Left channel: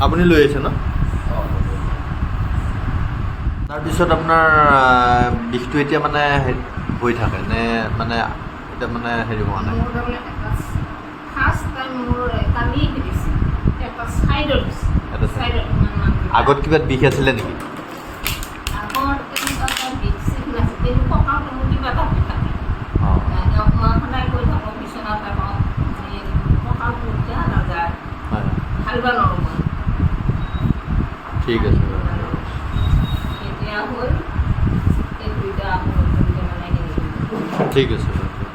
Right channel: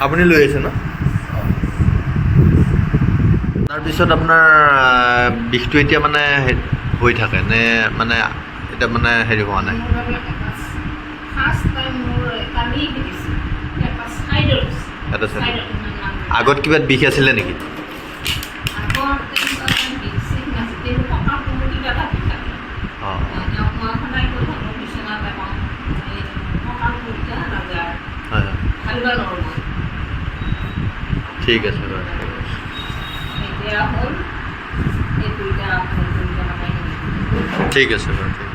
আপুনি লৈ আহিছে ন? তাৰপিছত আপোনাৰ বিষটো এতিয়া মানে হৈ থাকে নে মানে এতিয়া মানে হেৰি হোৱা নাই? এটা চাইড আগত কিবা বিষ আছিলে নেকি? অঁ হয় হয় ঠিক আছে বাৰু ঠিক আছে বাৰু।